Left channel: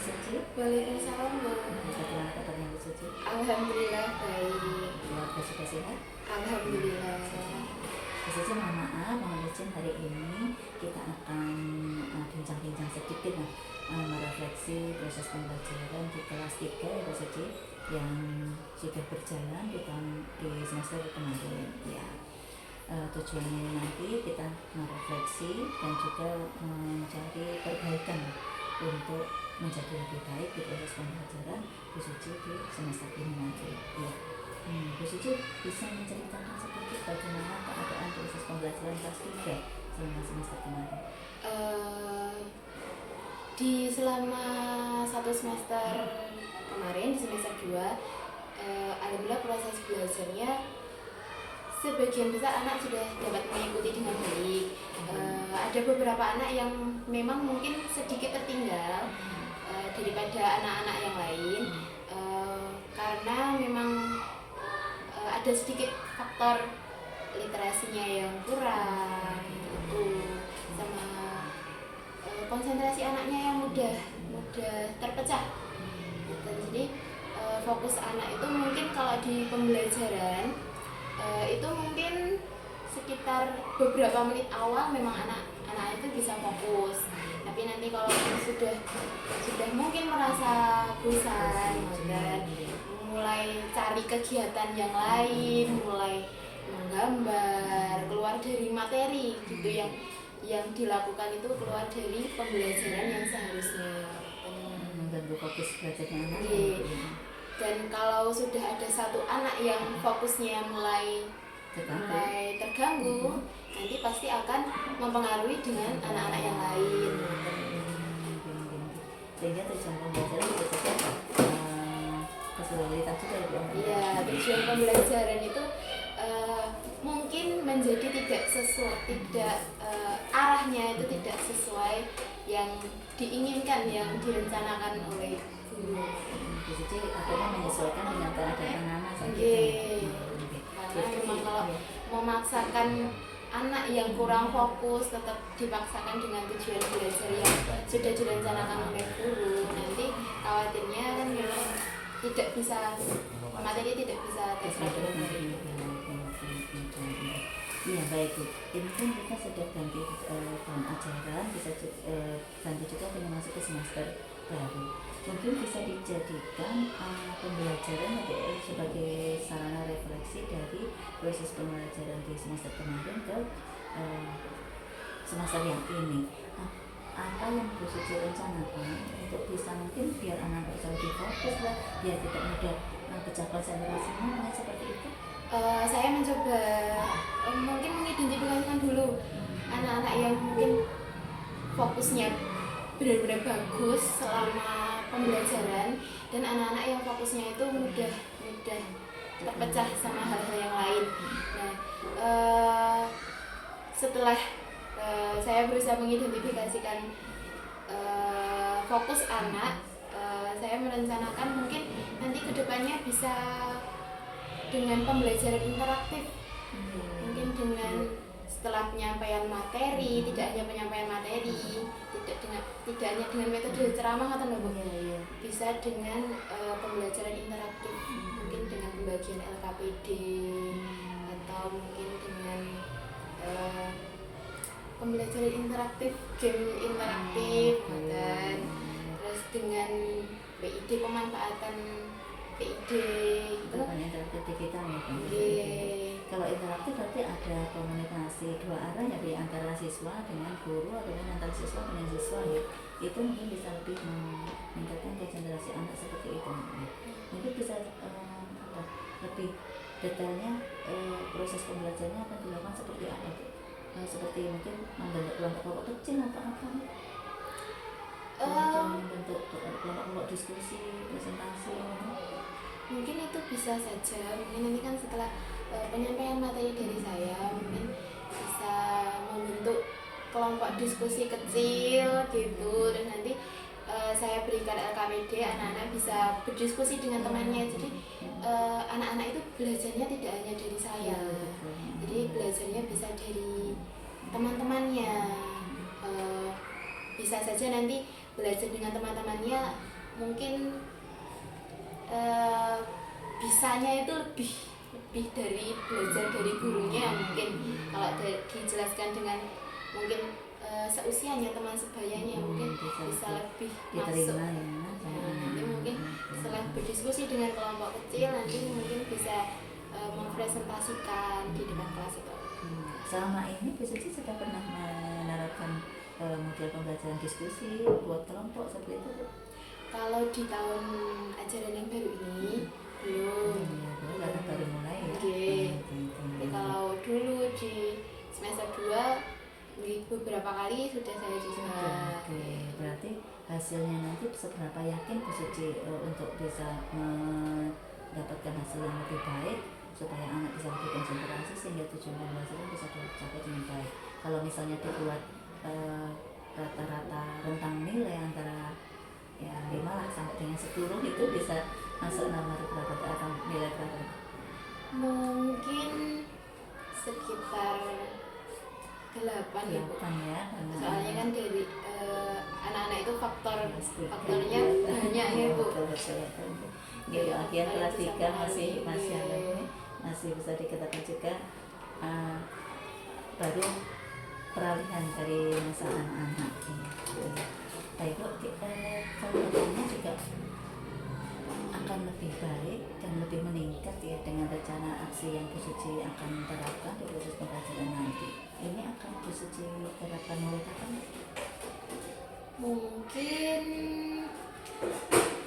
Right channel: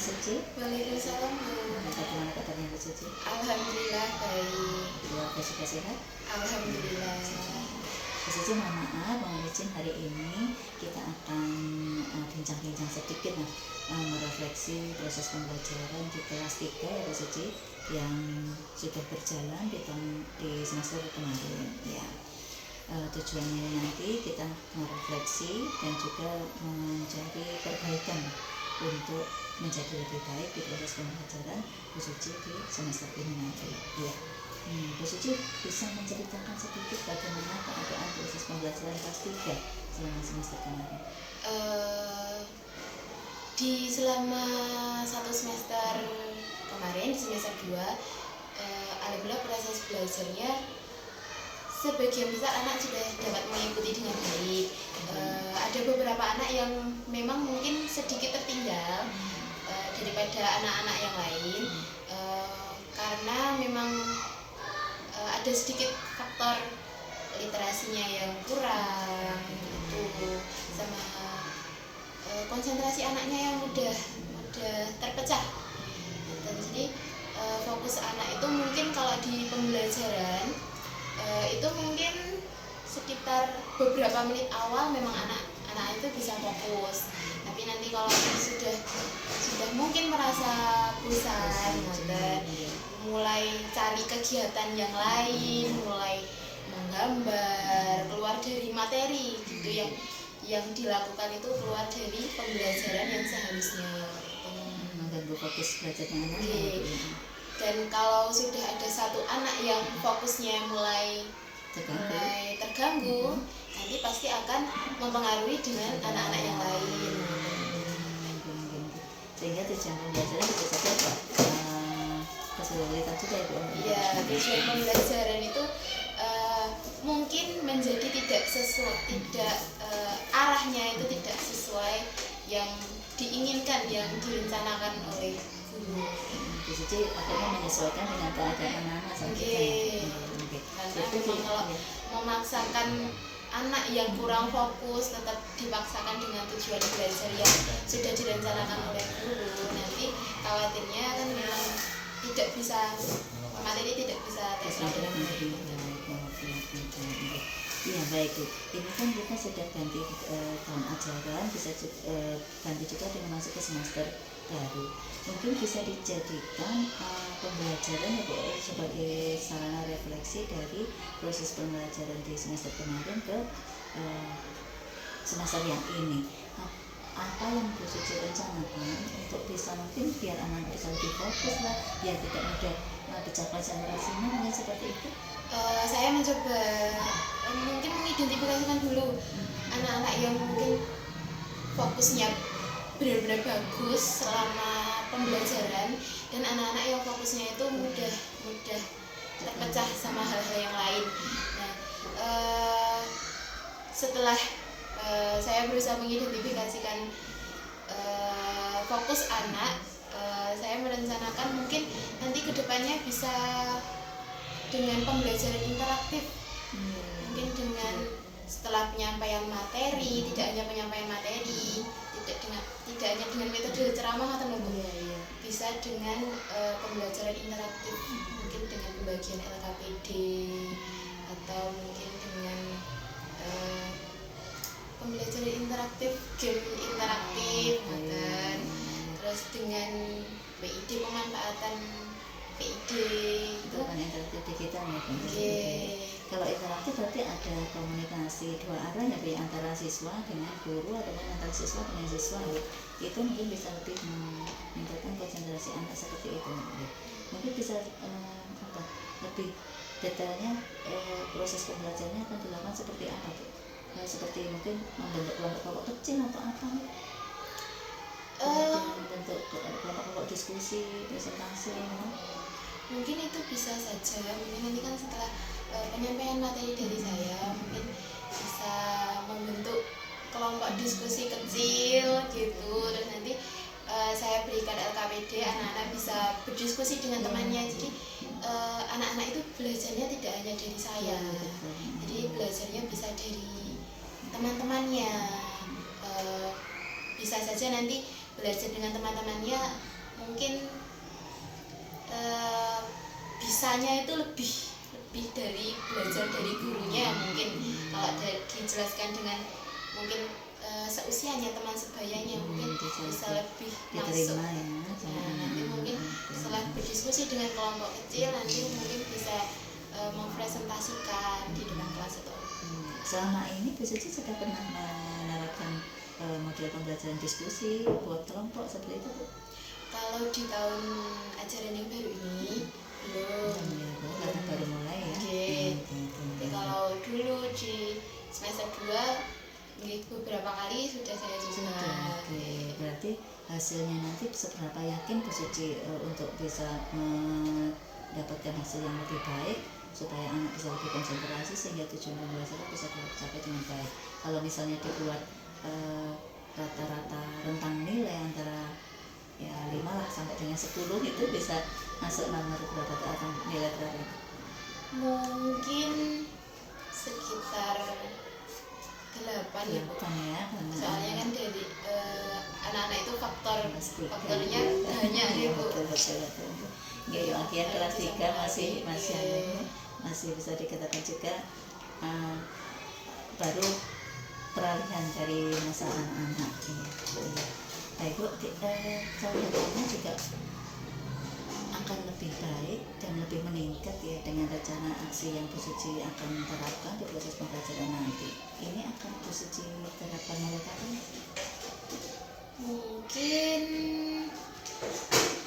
Suci. Waalaikumsalam. Bagaimana kabarnya Bu Suci? Alhamdulillah baik. Keluarga juga sehat? Alhamdulillah. Bu Suci, mohon maaf, mohon izin hari ini kita akan bincang-bincang sedikit merefleksi proses pembelajaran di kelas 3 ya Bu Suci, yang sudah berjalan di semester kemarin ya. Tujuannya nanti kita merefleksi dan juga mencari perbaikan untuk menjadi lebih baik di proses pembelajaran Bu Suci di semester ini nanti ya. Bu Suci bisa menceritakan sedikit bagaimana keadaan proses pembelajaran kelas 3 selama semester kemarin? Di selama satu semester kemarin, di semester 2, alhamdulillah proses belajarnya sebagian besar anak sudah dapat mengikuti dengan baik. Ada beberapa anak yang memang mungkin sedikit tertinggal daripada anak-anak yang lain, karena memang ada sedikit faktor literasinya yang kurang gitu, sama konsentrasi anaknya yang mudah terpecah gitu. Jadi fokus anak itu mungkin kalau di pembelajaran itu mungkin sekitar beberapa menit awal memang anak itu bisa fokus, tapi nanti kalau sudah mungkin merasa bosan, mulai cari kegiatan yang lain, mulai menggambar, keluar dari materi gitu, yang dilakukan itu keluar dari pembelajaran yang seharusnya mengganggu fokus belajarnya anak. Dan kalau sudah ada satu anak yang fokusnya mulai terganggu, nanti pasti akan mempengaruhi dengan anak-anak yang lain. Sehingga tujuan pembelajaran bisa saja kesulitan juga ya Bu. Iya, tujuan pembelajaran itu mungkin menjadi tidak arahnya itu tidak sesuai yang diinginkan, yang direncanakan oleh guru. Jadi akhirnya menyesuaikan dengan keadaan anak-anak saja. Karena memang kalau memaksakan anak yang kurang fokus tetap dipaksakan dengan tujuan belajar yang sudah direncanakan oleh guru, nanti khawatirnya kan memang tidak bisa materi, tidak bisa terserap. Iya baik Bu. Ini kan kita sudah ganti tahun ajaran, bisa ganti juga dengan masuk ke semester baru. Mungkin bisa dijadikan pembelajaran sebagai sarana refleksi dari proses pembelajaran di semester kemarin ke semester yang ini. Apa yang Bu Suci rencanakan untuk bisa mungkin biar anak bisa lebih fokus lah, biar tidak mudah pecah konsentrasinya, seperti itu? Saya mencoba mungkin mengidentifikasikan dulu anak-anak yang mungkin fokusnya benar-benar bagus selama pembelajaran, dan anak-anak yang fokusnya itu mudah terpecah sama hal-hal yang lain. Nah, setelah saya berusaha mengidentifikasikan fokus anak, saya merencanakan mungkin nanti kedepannya bisa dengan pembelajaran interaktif, mungkin dengan setelah penyampaian materi, tidak hanya penyampaian materi, tidak hanya dengan metode ceramah atau bisa dengan pembelajaran interaktif, mungkin dengan pembagian LKPD atau mungkin dengan pembelajaran interaktif, game interaktif, dan terus dengan PID, pemanfaatan PID itu interaktif digital ya. Kalau interaktif berarti ada komunikasi dua arah ya, di antara siswa dengan guru ataupun antara siswa dengan siswa ya. Itu mungkin bisa lebih meningkatkan konsentrasi anak seperti itu ya. Mungkin bisa lebih detailnya proses pembelajarannya akan dilakukan seperti apa tuh? Seperti mungkin membentuk kelompok kecil atau apa nih? Membentuk kelompok diskusi, presentasi mungkin itu bisa saja. Mungkin nanti kan setelah penyampaian materi dari saya, mungkin bisa membentuk kelompok diskusi kecil gitu, dan nanti saya berikan LKPD, anak-anak bisa berdiskusi dengan temannya. Jadi anak-anak itu belajarnya tidak hanya dari saya, jadi belajarnya bisa dari teman-temannya. Bisa saja nanti belajar dengan teman-temannya mungkin bisanya itu lebih dari belajar dari gurunya. Mungkin kalau dijelaskan dengan mungkin seusianya teman sebayanya mungkin bisa lebih masuk. Nanti mungkin setelah berdiskusi dengan kelompok kecil nanti mungkin bisa mempresentasikan di depan kelas itu. Selama ini Bu Suci sudah pernah menerapkan model pembelajaran diskusi buat kelompok seperti itu, Bu? Kalau di tahun ajaran yang baru ini belum. Karena baru mulai ya. Tapi kalau dulu di semester 2 beberapa kali sudah saya coba. Berarti hasilnya nanti seberapa yakin Bu Suci untuk bisa mendapatkan hasil yang lebih baik supaya anak bisa lebih konsentrasi sehingga tujuan pembelajaran bisa tercapai dengan baik. Kalau misalnya dibuat rata-rata rentang nilai antara ya 5 lah sampai dengan 10 itu bisa masuk nomor berapa atau nilai berapa? Mungkin sekitar 8 ya, soalnya kan dari anak-anak itu faktornya banyak ya Bu. Jadi akhirnya kelas 3 masih bisa dikatakan juga baru peralihan dari masa anak-anak ini. Baik Bu, kedepannya juga akan lebih baik dan lebih meningkat ya dengan rencana aksi yang Bu Suci akan terapkan di proses pembelajaran nanti. Ini akan Bu Suci terapkan mulai kapan? Mungkin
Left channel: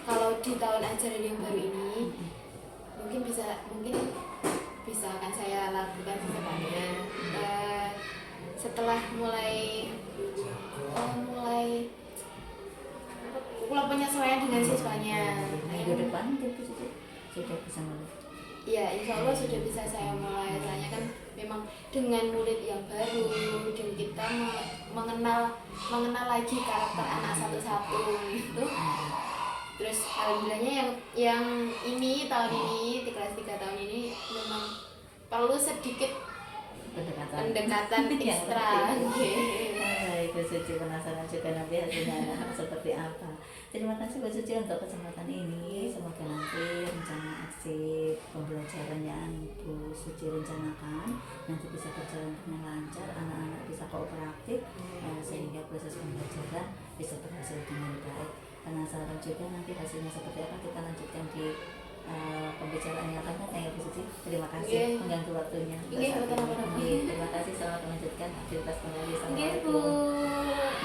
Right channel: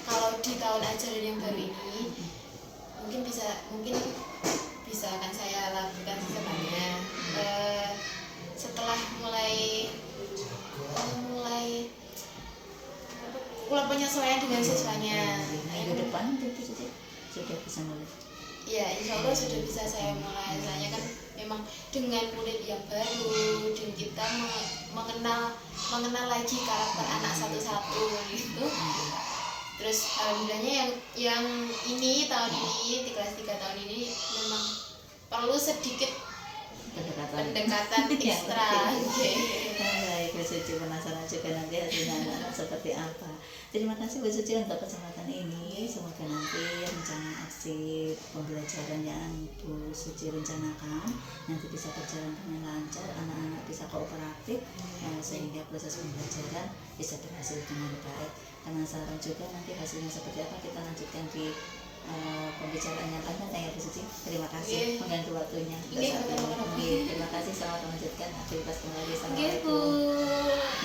kalau di tahun ajaran yang baru ini mungkin bisa akan saya lakukan ke depannya. Setelah mulai penyesuaian dengan siswanya. Minggu depan mungkin sudah bisa mulai. Iya, insya Allah sudah bisa saya mulai. Soalnya kan memang dengan murid yang baru dan kita mengenal lagi karakter anak satu-satu gitu. Terus alhamdulillahnya yang ini tahun ini di kelas 3 tahun ini memang perlu sedikit pendekatan ekstra. Baik, Bu Suci penasaran juga nanti hasilnya anak-anak seperti apa. Terima kasih Bu Suci untuk kesempatan ini. Semoga nanti rencana aksi pembelajaran yang Bu Suci rencanakan nanti bisa berjalan dengan lancar, anak-anak bisa kooperatif sehingga proses pembelajaran bisa berhasil dengan baik. Penasaran juga nanti hasilnya seperti apa, kita lanjutkan di pembicaraan yang akan datang ya Bu Suci. Terima kasih mengganggu waktunya. Terima kasih, selamat melanjutkan aktivitas kembali. Assalamualaikum.